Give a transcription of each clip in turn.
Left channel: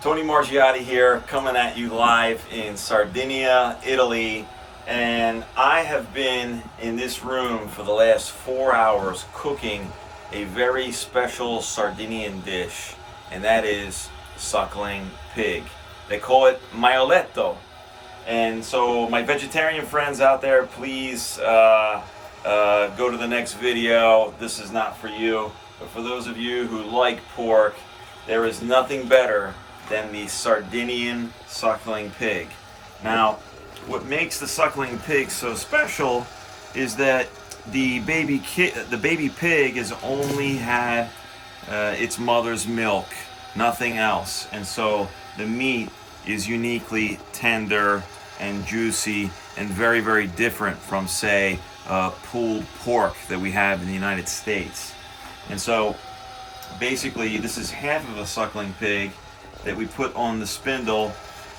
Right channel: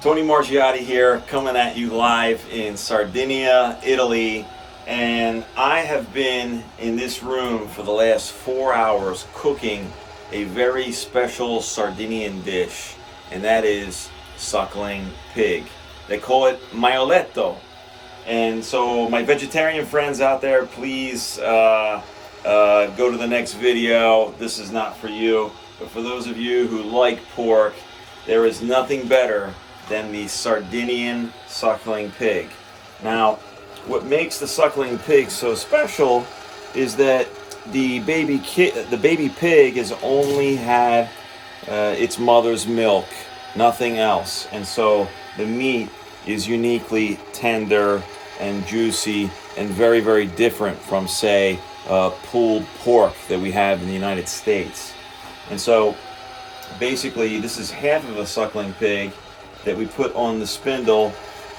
Tony Margiotti here, coming at you live in Sardinia, Italy, and I have been in this room for the last 4 hours cooking a very special Sardinian dish, and that is suckling pig. They call it maialetto. And so my vegetarian friends out there, please go to the next video. This is not for you, but for those of you who like pork, there is nothing better than the Sardinian suckling pig. Now, what makes the suckling pig so special is that the baby pig has only had its mother's milk, nothing else, and so the meat is uniquely tender and juicy and very, very different from, say, pulled pork that we have in the United States. And so basically this is half of a suckling pig that we put on the spindle.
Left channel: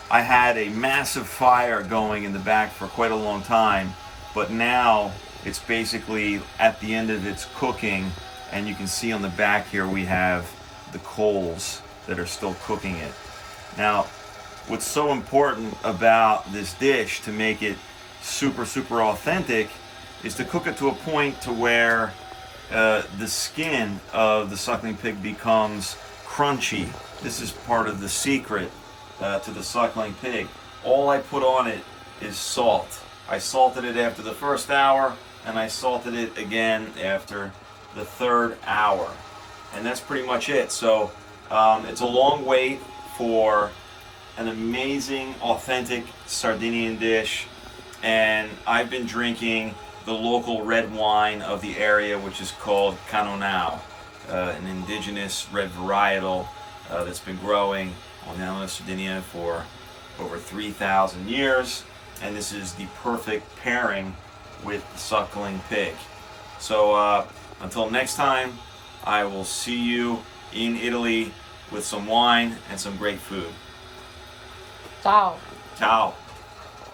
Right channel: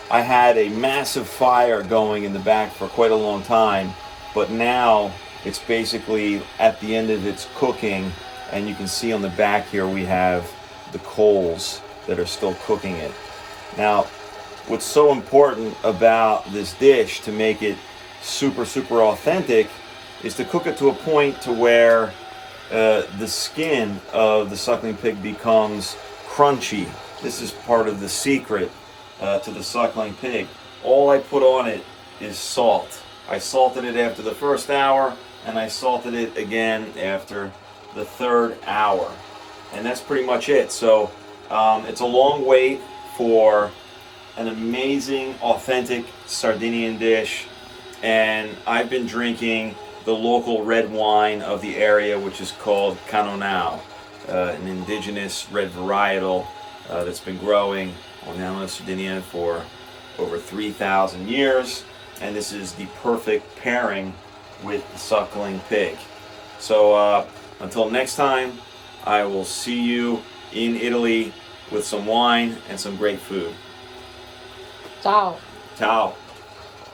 I had a massive fire going in the back for quite a long time, but now it's basically at the end of its cooking, and you can see on the back here we have the coals that are still cooking it. Now, what's so important about this dish to make it super, super authentic is to cook it to a point to where the skin of the suckling pig becomes crunchy. This is part of the secret to the suckling pig. All I put on it is salt. I salted it after the first hour, and I salted it again after the third hour. And that's pretty much it. So it's a long wait for an amazing, authentic Sardinian dish. And I've been drinking the local red wine of the area, which is called Canonau, an indigenous red varietal that's been growing on the island of Sardinia for over 3,000 years. And this is the perfect pairing with the suckling pig. So until next time, I will see you in Italy with some wine and some great food. Ciao. Ciao.